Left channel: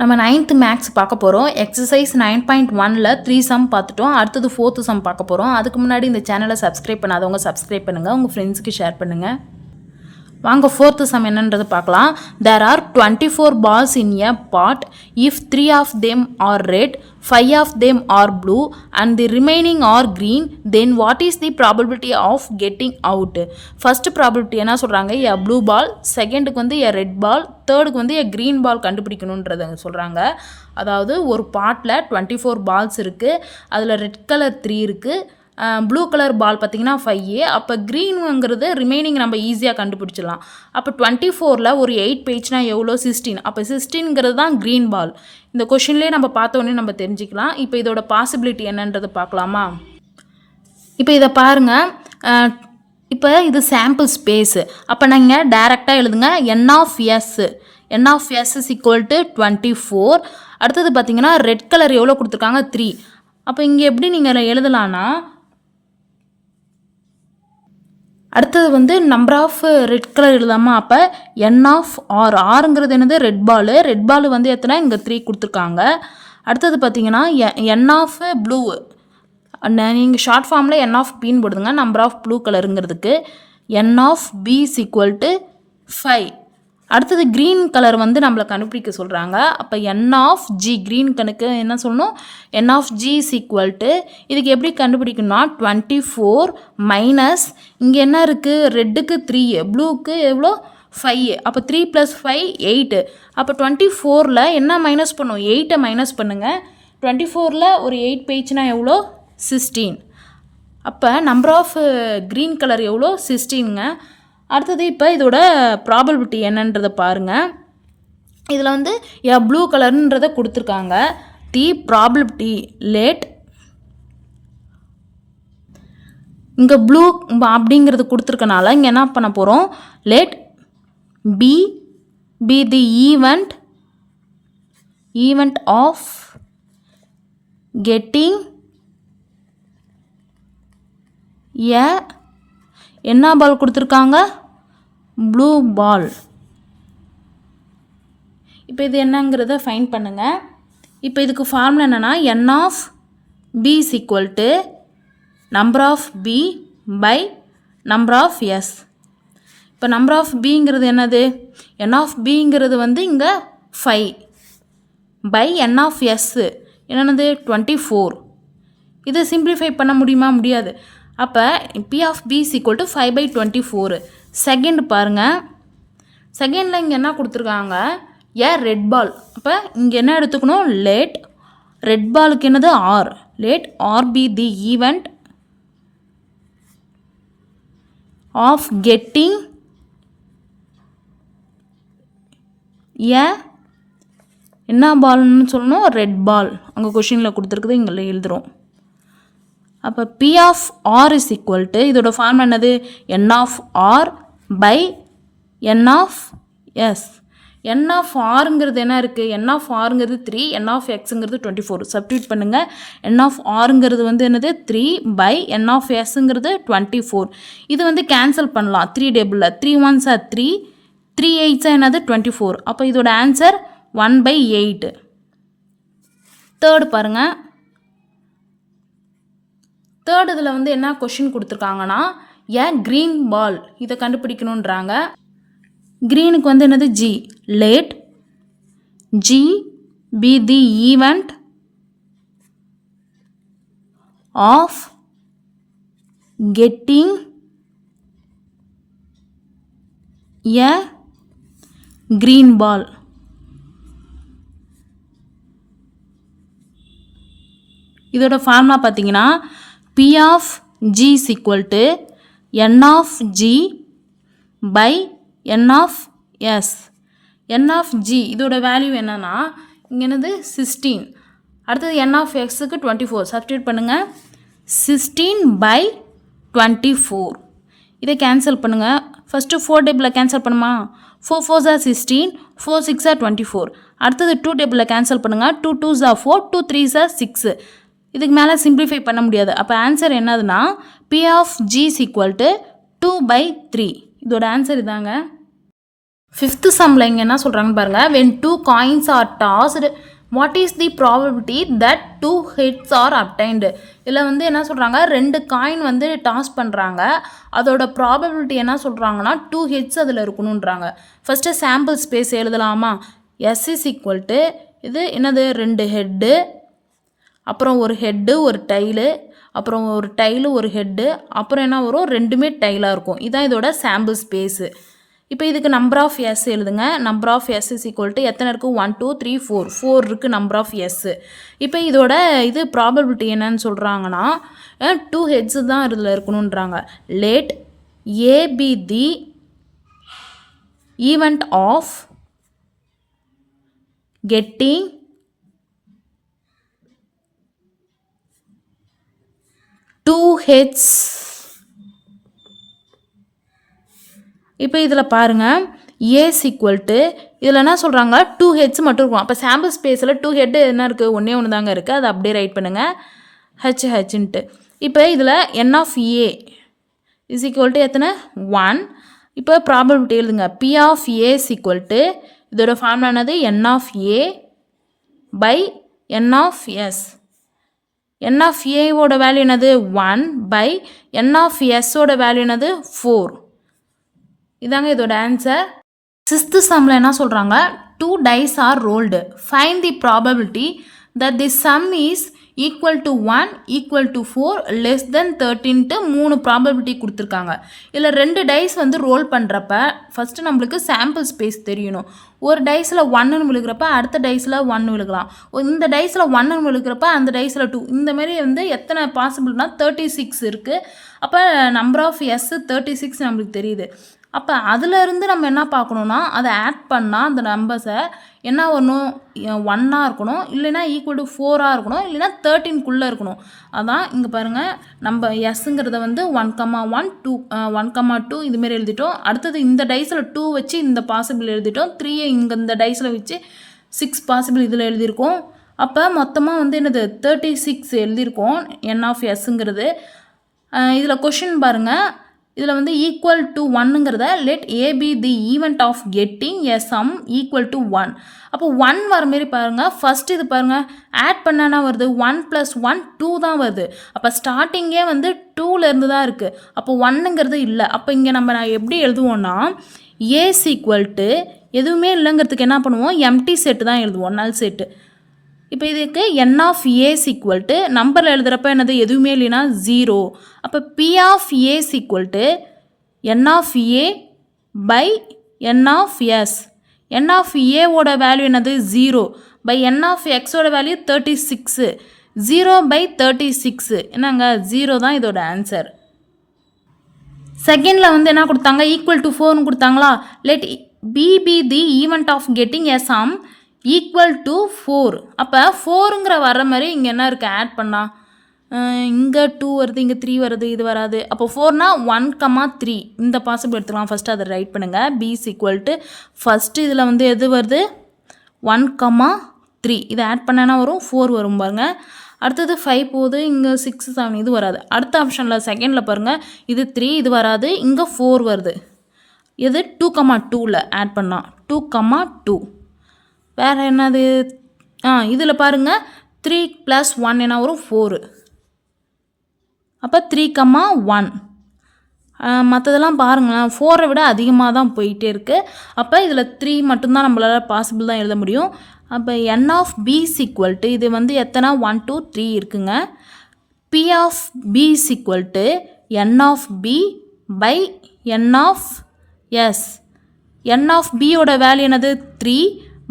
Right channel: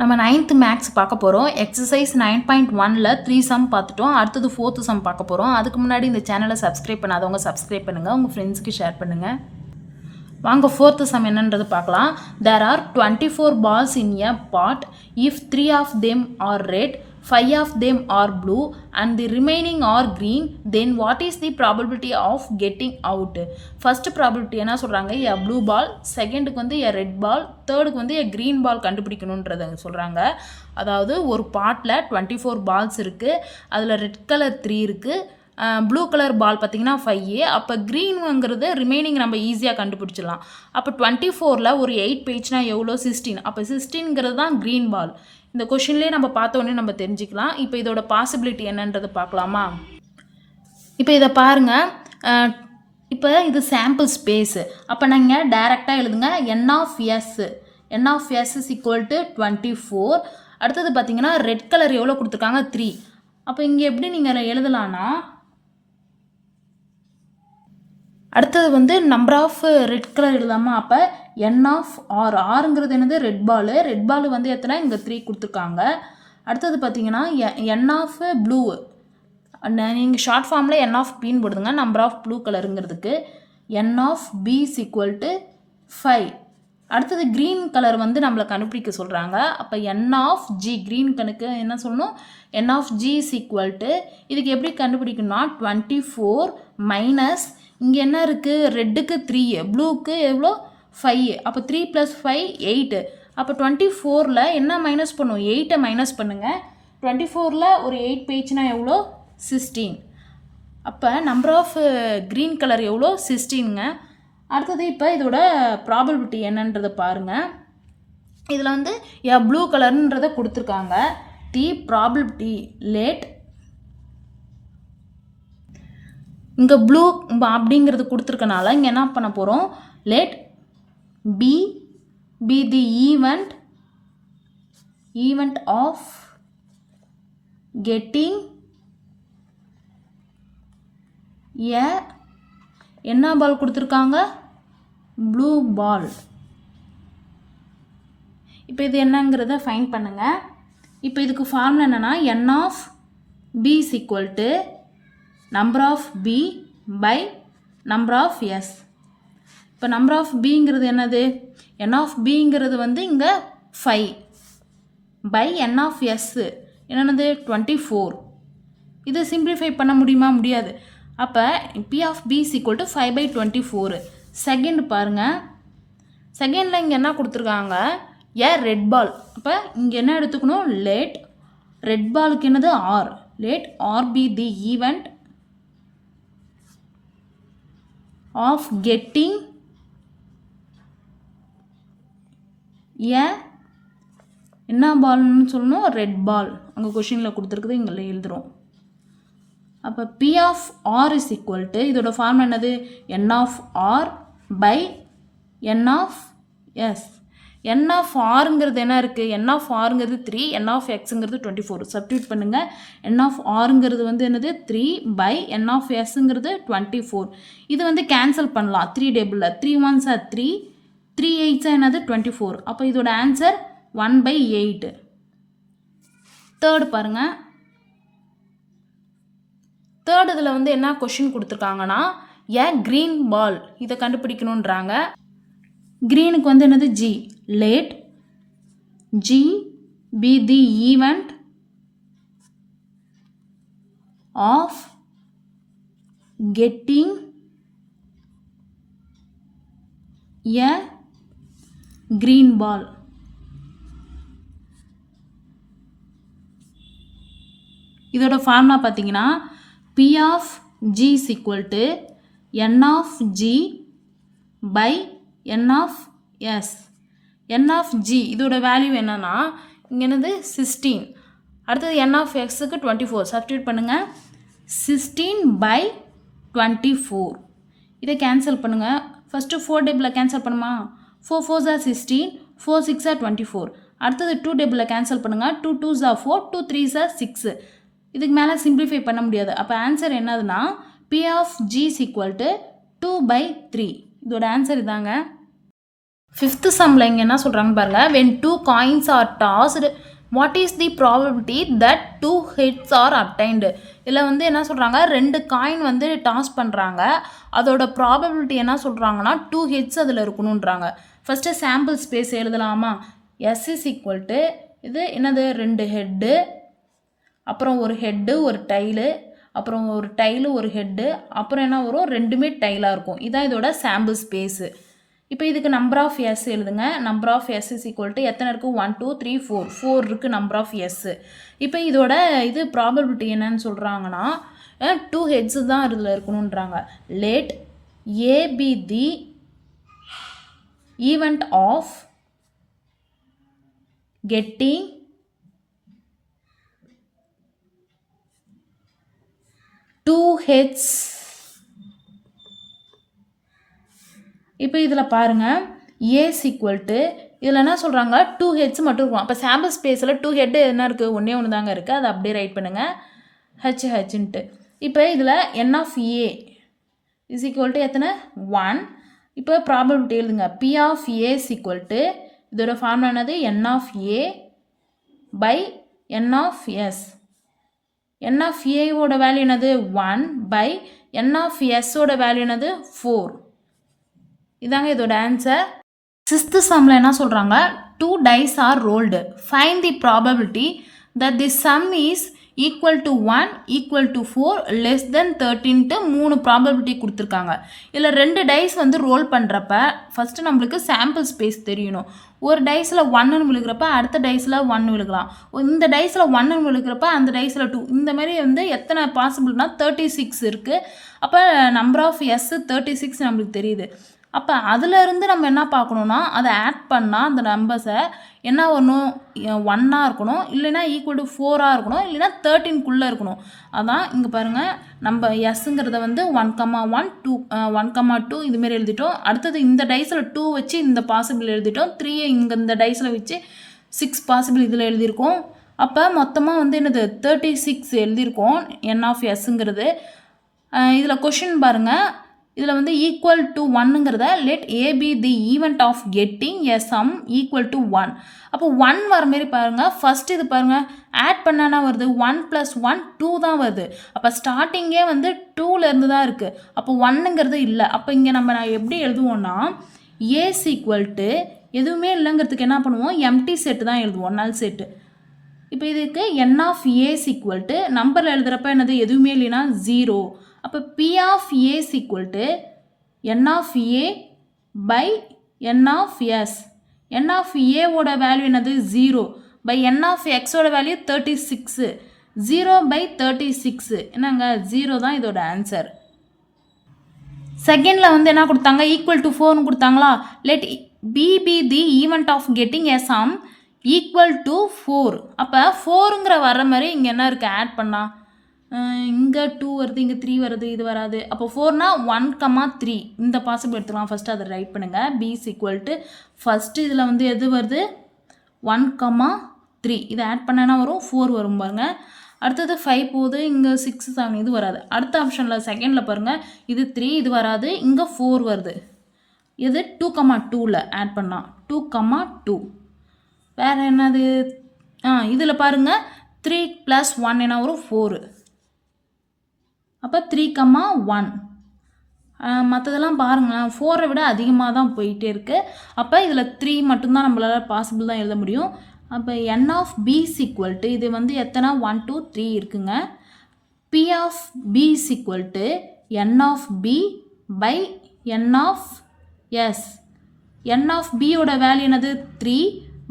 நம்ம 9th maths பார்க்க போகிறோம். எக்ஸசைஸ் 9.1ல் 3 சம் பார்த்துட்டோம். அடுத்தது 4th சம் பார்க்க போகிறோம். அதுக்கு முன்னாடி இந்த சேனலை சப்ஸ்கிரைப் பண்ணாதவங்க சப்ஸ்கிரைப் பண்ணுங்கள், உங்கள் ஃப்ரெண்ட்ஸுக்கு ஷேர் பண்ணுங்கள். வாங்க 4th சம் என்னன்றது பார்க்கலாம். There are 24 balls in a pot. If 3 of them are red, 5 of them are blue and the remaining are green, then what is the probability of getting out? First probability என்ன சொல்கிறாங்க, a blue ball, செகண்டுக்கு வந்து a red ball, தேர்டுக்கு வந்து a green ball கண்டுபிடிக்கணுன்றதை சொல்கிறாங்க. அதாவது ஒரு பாட்டில் 24 balls இருக்குது, அதில் ரெட் கலர் 3 இருக்குது, ப்ளூ கலர் பால் பார்த்திங்கன்னா 5. அப்போ க்ரீனுங்கிறது ரிமைனிங் நம்ம ஈஸியாக கண்டுபிடிச்சிடலாம். அப்போ 24ல் ஒரு 8 பேஜ்னால் எவ்வளோ 16. அப்போ 16ங்கிறது தான் க்ரீன் பால். இந்த கொஷின்லேயே நம்ம பார்த்தோன்னே நம்ம தெரிஞ்சுக்கலாம். இப்போ இதோட பாசிபிலிட்டி என்னன்றது பார்க்கலாமா? இப்போ இதை பாருங்கள். இப்போ இது சாம்பிள் ஸ்பேஸு. அப்போ நீங்கள் டைரெக்டாக எழுதுங்க n of s. n of s is equal to 24. அடுத்தது பார்த்திங்கன்னா ரெட் கலர் எவ்வளோ கொடுத்துருக்காங்க 3. அப்போ இங்கே எப்படி நீங்கள் எழுதலான்னா, அடுத்தது வந்து நம்பர் ஆஃப் ரெட் கலர் எழுதாமல், அப்போ n ஆஃப் ஆர். ஆறுங்கிறது என்னது ரெட் பாலு. ரெட் பால் வந்து எத்தனை இங்கே 3 கொடுத்துருக்காங்க. அடுத்தது பார்த்தீங்கன்னா n ஆஃப் ப்ளூ. நீங்கள் ஷார்ட் ஃபார்மில் n ஆஃப் பின்னு போடுதுங்க, நம்பர் ஆஃப் ப்ளூ கலருங்கிறதுக்கு. n of B is equal to 5. அடுத்தது க்ரீன் கலர் வந்து நம்மளை கண்டுபிடிக்க சொல்கிறாங்க. அப்போ n ஆஃப் ஜி, க்ரீன் கணக்கு என்ன சொல்லணும், n of G is equal to, இதுக்கு எப்படி கண்டுபிடிக்கணும்னா 24 மைனஸ் இங்கே என்ன இருக்குது, ரெட்டுக்கு 3, ப்ளூக்கு எவ்வளோ 5. அப்போ 3 + 5 8. அப்போ 24ல் என்ன மைனஸ் பண்ணும், 8 மைனஸ் பண்ணுங்கள். 24ல் ஒரு 8 பேஜ்னா எவ்வளோ 16. அப்போ நம்பர் ஆஃப் க்ரீன் கலர் எவ்வளோ 16ங்க. அடுத்தது இப்போ இதோட ப்ராபபிலிட்டி என்னன்றதை பாருங்கள். இதில் வந்து ப்ளூ கலர்ன்றதை கொடுத்துருக்காங்க. தி ப்ராபபிலிட்டி லேட், இங்கே ப்ளூ அப்படிங்கிறது கொடுத்துருக்கனால இங்கே என்ன பண்ண போகிறோம், let P be the event of getting என்ன பால் கொடுத்துருக்காங்க, ப்ளூ பால். இப்போ இது என்னங்கிறத ஃபைண்ட் பண்ணுங்கள். இப்போ இதுக்கு ஃபார்முலா என்னென்னா n of B is equal to number of B by number of S. இப்போ நம்பர் ஆஃப் பிங்கிறது என்னது, n ஆஃப் பிங்கிறது வந்து இங்கே 5 பை n ஆஃப் எஸ் என்னென்னது 24. இதை சிம்பிளிஃபை பண்ண முடியுமா, முடியாது. அப்போ B of B is equal to 5/24. Second பாருங்கள், செகண்டில் இங்கே என்ன கொடுத்துருக்காங்க, ரெட் பால். அப்போ இங்கே என்ன எடுத்துக்கணும், லேட் ரெட் பாலுக்கு என்னது R. Let R be the event of getting என்ன பால்னு சொல்லணும், ரெட் பால். அங்கே கொஷினில் கொடுத்துருக்குது, இங்கே எழுதுகிறோம். அப்போ B of r is equal to, இதோட ஃபார்ம் என்னது, n of r by n of s. n of ஆருங்கிறது என்ன இருக்குது, n ஆஃப் ஆருங்கிறது 3, n ஆஃப் எக்ஸுங்கிறது 24. சப்ஸ்டிட்யூட் பண்ணுங்கள். n ஆஃப் ஆருங்கிறது வந்து என்னது 3 பை n ஆஃப் எஸ்ங்கிறது 24. இது வந்து கேன்சல் பண்ணலாம் 3 டேபிளில். 3 1s are 3, 3 8s என்னது 24. அப்போ இதோட ஆன்சர் 1/8. தேர்டு பாருங்கள். தேர்ட் இதில் வந்து என்ன கொஷின் கொடுத்துருக்காங்கன்னா, க்ரீன் பால் இதை கண்டுபிடிக்கணுன்றாங்க. க்ரீனுக்கு வந்து என்னது g. Let g be the event of getting green ball. இதோட ஃபார்முலா பார்த்தீங்கன்னா P of G is equal to n of G by n of S. n of G இதோட வேல்யூ என்னன்னா, இங்கே என்னது 16. அடுத்தது n of Xக்கு 24. சப்ஸ்டிட்யூட் பண்ணுங்கள். 16/24. இதை cancel பண்ணுங்கள். ஃபஸ்ட்டு 4 டேபிளில் கேன்சல் பண்ணுமா, 4 4s are 16, 4 6s are 24. அடுத்தது 2 டேபிளில் கேன்சல் பண்ணுங்கள். 2 2s are 4, 2 3s are 6. இதுக்கு மேலே சிம்பிளிஃபை பண்ண முடியாது. அப்போ ஆன்சர் என்னதுன்னா P of G is equal to 2/3. இதோட ஆன்சர் இதாங்க. ஃபிஃப்த்து சம்மில் இங்கே என்ன சொல்கிறாங்க பாருங்கள், when two coins are tossed what is the probability that two heads are obtained. இதில் வந்து என்ன சொல்கிறாங்க, 2 காயின் வந்து டாஸ் பண்ணுறாங்க, அதோட ப்ராபபிலிட்டி என்ன சொல்கிறாங்கன்னா 2 ஹெட்ஸ் அதில் இருக்கணுன்றாங்க. ஃபஸ்ட்டு சாம்பிள் ஸ்பேஸ் எழுதலாமா, எஸ் இஸ் ஈக்குவல் டு இது என்னது 2 ஹெட்டு, அப்புறம் ஒரு ஹெட்டு ஒரு டைலு, அப்புறம் ஒரு டைலு ஒரு ஹெட்டு, அப்புறம் என்ன வரும், ரெண்டுமே டைலாக இருக்கும். இதுதான் இதோட சாம்பிள் ஸ்பேஸு. இப்போ இதுக்கு நம்பர் ஆஃப் எஸ் எழுதுங்க. Number of S is equal to எத்தனை இருக்குது, 1 2 3 4 இருக்குது நம்பர் ஆஃப் எஸ்ஸு. இப்போ இதோட இது ப்ராபபிலிட்டி என்னன்னு சொல்கிறாங்கன்னா 2 ஹெட்ஸு தான் இதில் இருக்கணுன்றாங்க. Let a be the event of getting two heads. இப்போ இதில் பாருங்கள் ஏஸ் ஈக்குவல் டு இதில் என்ன சொல்கிறாங்க 2 ஹெட்ஸ் மட்டும் இருக்கும். அப்போ சாம்பிள் ஸ்பேஸில் 2 ஹெட்டு என்ன இருக்குது, ஒன்றே ஒன்று தாங்க இருக்குது, அதை அப்படியே ரைட் பண்ணுங்கள் ஹெச்ன்ட்டு. இப்போ இதில் n of a is equal to எத்தனை 1. இப்போ ப்ராபபிலிட்டி எழுதுங்க, p of a is equal to இதோட ஃபார்முலா என்னது, n of A by N of S. N of ஏவோட வேல்யூ என்னது 1 பை என் ஆஃப் எஸ்ஸோட வேல்யூ என்னது 4. இதாங்க இதோட ஆன்சர். 6th சம்மில் என்ன சொல்கிறாங்க, 2 dice are rolled, find the probability that the sum is equal to 1 equal to 4 less than 13ட்டு 3 probability கொடுத்துருக்காங்க. இதில் 2 டைஸ் வந்து ரோல் பண்ணுறப்ப ஃபஸ்ட்டு நம்மளுக்கு சாம்பிள் ஸ்பேஸ் தெரியணும். ஒரு டைஸில் 1ன்னு விழுகிறப்ப அடுத்த டைஸில் 1 விழுகலாம், இந்த டைஸில் 1ன்னு விழுகிறப்ப அந்த டைஸில் 2, இந்த மாதிரி வந்து எத்தனை பாசிபிள்னா 36 இருக்குது. அப்போ நம்பர் ஆஃப் எஸ் 36 நம்மளுக்கு தெரியுது. அப்போ அதிலேருந்து நம்ம என்ன பார்க்கணுன்னா, அதை ஆட் பண்ணால் அந்த நம்பர்ஸை என்ன வரணும், 1ஆக இருக்கணும், இல்லைனா ஈக்குவல் டு 4ஆக இருக்கணும், இல்லைனா 13க்குள்ளே இருக்கணும். அதான் இங்கே பாருங்கள், நம்ம எஸ்ஸுங்கிறத வந்து 1,1 2 1,2 இதுமாரி எழுதிட்டோம். அடுத்தது இந்த டைஸில் 2 வச்சு இந்த பாசிபிள் எழுதிட்டோம், 3 இங்கே இந்த டைஸில் வச்சு 6 பாசிபிள் இதில் எழுதியிருக்கோம். அப்போ மொத்தமாக வந்து என்னது 36 எழுதியிருக்கோம் என் ஆஃப் எஸ்ஸுங்கிறது. இதில் கொஷின் பாருங்கள், இதில் வந்து ஈக்குவல் டு 1ங்கிறத let a be the event of getting a sum equal to 1. அப்போ 1 வர மாரி பாருங்கள். ஃபஸ்ட்டு இது பாருங்கள், ஆட் பண்ணானா வருது 1 + 1 2 தான் வருது. அப்போ ஸ்டார்டிங்கே வந்து 2லேருந்து தான் இருக்குது. அப்போ 1ங்கிறது இல்லை. அப்போ இங்கே நான் எப்படி எழுதுவோன்னா, ஏஸ் ஈக்குவல் டு எதுவுமே இல்லைங்கிறதுக்கு என்ன பண்ணுவோம், எம்டி செட்டு தான் எழுதுவோம், நல் செட்டு. இப்போ இதுக்கு N of A is equal to நம்பரில் எழுதுகிறப்ப என்னது எதுவுமே இல்லைன்னா 0. அப்போ B of A is equal to N of A by N of S. N of ஏவோட வேல்யூ என்னது 0 பை என் ஆஃப் எக்ஸோட வேல்யூ 36. 0 பை 36 என்னங்க 0 தான் இதோட ஆன்சர். செகண்டில் வந்து என்ன கொடுத்தாங்க, ஈக்குவல் டு 4ன்னு கொடுத்தாங்களா. Let P the event of getting a sum equal to 4. அப்போ 4ங்கிற வர மாதிரி இங்கே என்ன இருக்குது, ஆட் பண்ணால் இங்கே 2 வருது, இங்கே 3 வருது, இது வராது. அப்போ 4னா 1,3 இந்த பாசிபிள் எடுத்துக்கலாம். ஃபஸ்ட்டு அதை ரைட் பண்ணுங்கள். P is equal to first இதில் வந்து எது வருது 1,3 இதை ஆட் பண்ணனா வரும் 4 வரும் பாருங்கள். அடுத்தது 5 போகுது, இங்கே 6 7 இது வராது. அடுத்த ஆப்ஷனில் செகண்டில் பாருங்கள், இது 3 இது வராது, இங்கே 4 வருது. இது 2,2ல் ஆட் பண்ணால் 2,2. வேறு என்னது, இதில் பாருங்கள் 3 + 1 என்ன வரும் 4. அப்போ 3,1. மற்றதெல்லாம் பாருங்களேன் 4ஐ விட அதிகமாக தான் போயிட்டே இருக்குது. அப்போ இதில் 3 மட்டும்தான் நம்மளால் பாசிபிள் தான் எழுத முடியும். அப்போ n of B is equal to இது வந்து எத்தனை 1 2 3 இருக்குங்க. P of B is equal to N of B by N of S. N of பியோட வேல்யூ என்னது 3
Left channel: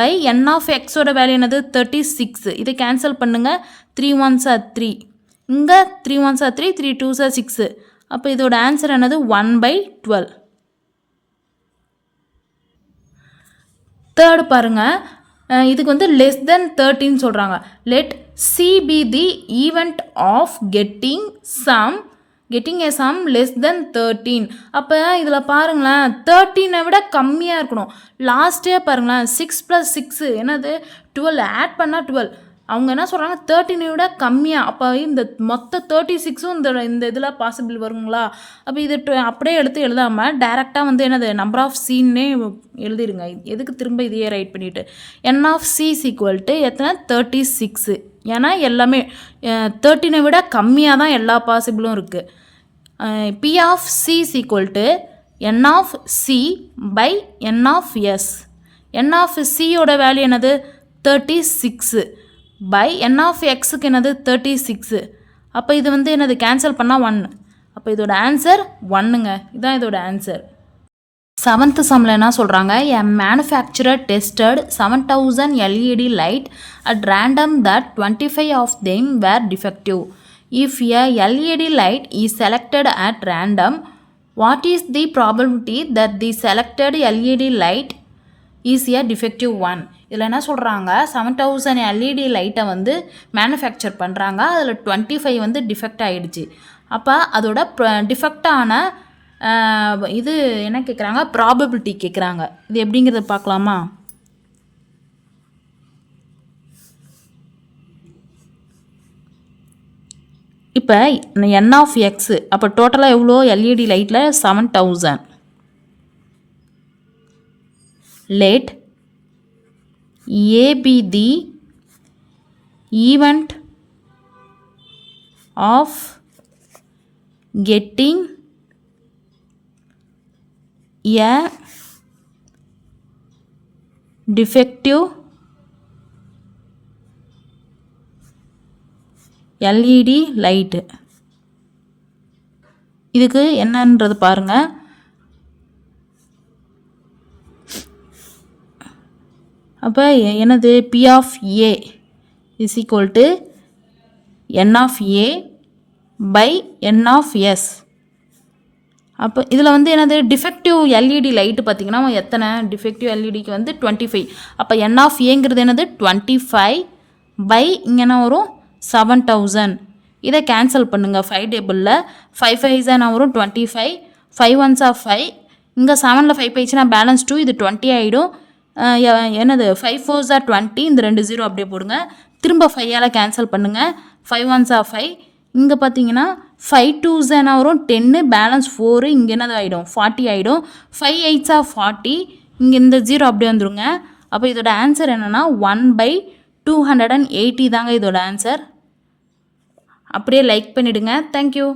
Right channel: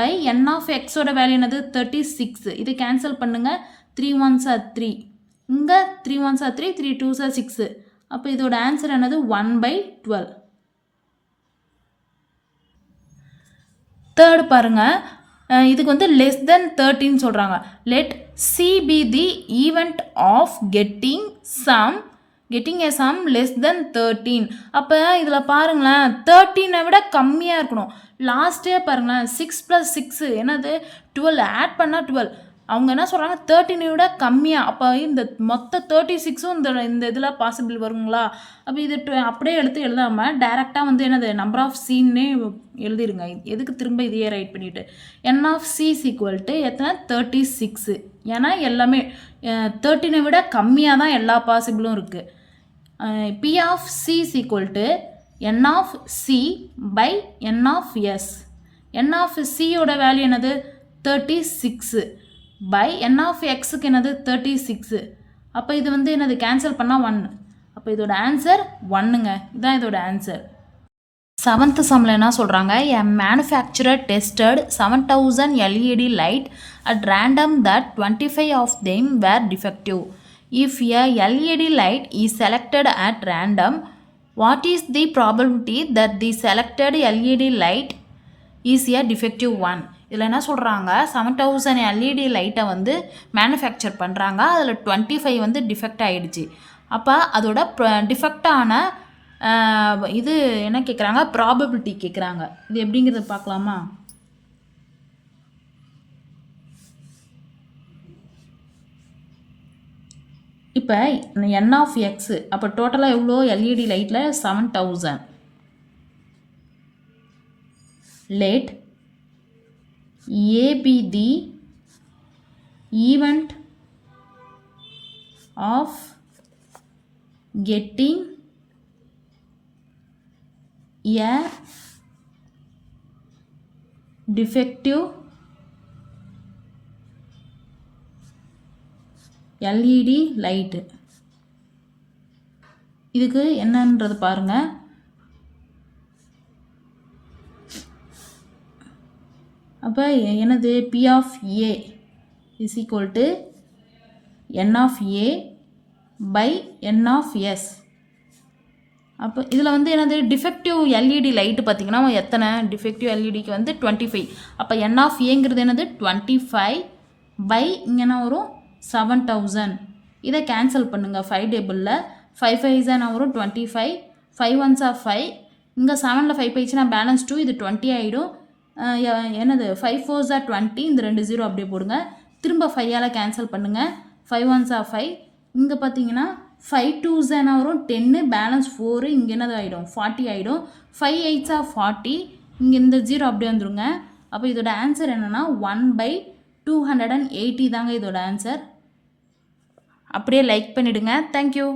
பை என் ஆஃப் எக்ஸோட வேல்யூ என்னது 36. இதை கேன்சல் பண்ணுங்கள். 3 1s are 3, இங்கே 3 1s are 3, 3 2s are 6. அப்போ இதோட ஆன்சர் என்னது 1/12. தேர்டு பாருங்கள், இதுக்கு வந்து லெஸ் தென் 13 சொல்கிறாங்க. Let C be the event of getting a sum less than 13. அப்போ இதில் பாருங்களேன் 13ஐ விட கம்மியாக இருக்கணும். லாஸ்ட்டே பாருங்களேன் 6 + 6 என்னது 12, ஆட் பண்ணால் 12. அவங்க என்ன சொல்கிறாங்க 13 விட கம்மியாக. அப்போ இந்த மொத்த 36ம் இந்த இதில் பாசிபிள் வருங்களா? அப்போ இது அப்படியே எடுத்து எழுதாமல் டேரெக்டாக வந்து என்னது நம்பர் ஆஃப் சின்னே எழுதிடுங்க. எதுக்கு திரும்ப இதையே ரைட் பண்ணிவிட்டு என் ஆஃப் சி ஈக்குவல்ட்டு எத்தனை 36. ஏன்னா எல்லாமே 13 விட கம்மியாக தான் எல்லா பாசிபிளும் இருக்குது. P of c equal to n of c by N of S. N of சியோட வேல்யூ என்னது 36 பை என் ஆஃப் எக்ஸுக்கு என்னது 36. அப்போ இது வந்து என்னது கேன்சல் பண்ணால் 1. அப்போ இதோட ஆன்சர் 1ங்க. இதுதான் இதோட ஆன்சர். 7th சம்மில் என்ன சொல்கிறாங்க, எ manufacturer tested 7000 LED light at random that 25 of them were defective. If a LED light is selected at random, what is the probability that the selected LED light is a defective one? இதில் என்ன சொல்கிறாங்க, 7000 LED லைட்டை வந்து manufacture பண்ணுறாங்க. அதில் 25 வந்து defect ஆகிடுச்சு. அப்போ அதோட டிஃபெக்டான இது என்ன கேட்குறாங்க, ப்ராபபிலிட்டி கேட்குறாங்க. இது எப்படிங்கிறத பார்க்கலாமா? இப்போ என் ஆஃப் எக்ஸு, அப்போ டோட்டலாக எவ்வளோ எல்இடி லைட்டில் 7000. Let A be the event of getting a defective LED light. இதுக்கு என்னன்றது பாருங்கள். அப்போ என்னது P of A is equal to N of A by N of S. அப்போ இதில் வந்து என்னது டிஃபெக்டிவ் எல்இடி லைட்டு பார்த்திங்கன்னா எத்தனை டிஃபெக்டிவ் எல்இடிக்கு வந்து 25. அப்போ N of Aங்கிறது என்னது 25 பை இங்கே என்ன வரும் 7000. இதை கேன்சல் பண்ணுங்கள். 5 டேபிளில் 5 5s வரும் 25, 5 1s 5, இங்கே 7ல் 5 போயிடுச்சுன்னா பேலன்ஸ் 2, இது 20 ஆகிடும். என்னது 5 4s 20, இந்த 2 0 அப்படியே போடுங்க. திரும்ப 5ஆல் கேன்சல் பண்ணுங்கள். 5 1s 5, இங்கே பார்த்தீங்கன்னா 5 2s வரும் 10, பேலன்ஸ் 4, இங்கே என்னது ஆகிடும் 40 ஆகிடும். 5 8s 40, இங்கே இந்த 0 அப்படியே வந்துடுங்க. அப்போ இதோட ஆன்சர் என்னென்னா 1/280 தாங்க இதோட ஆன்சர். அப்படியே லைக் பண்ணிவிடுங்க. தேங்க்யூ.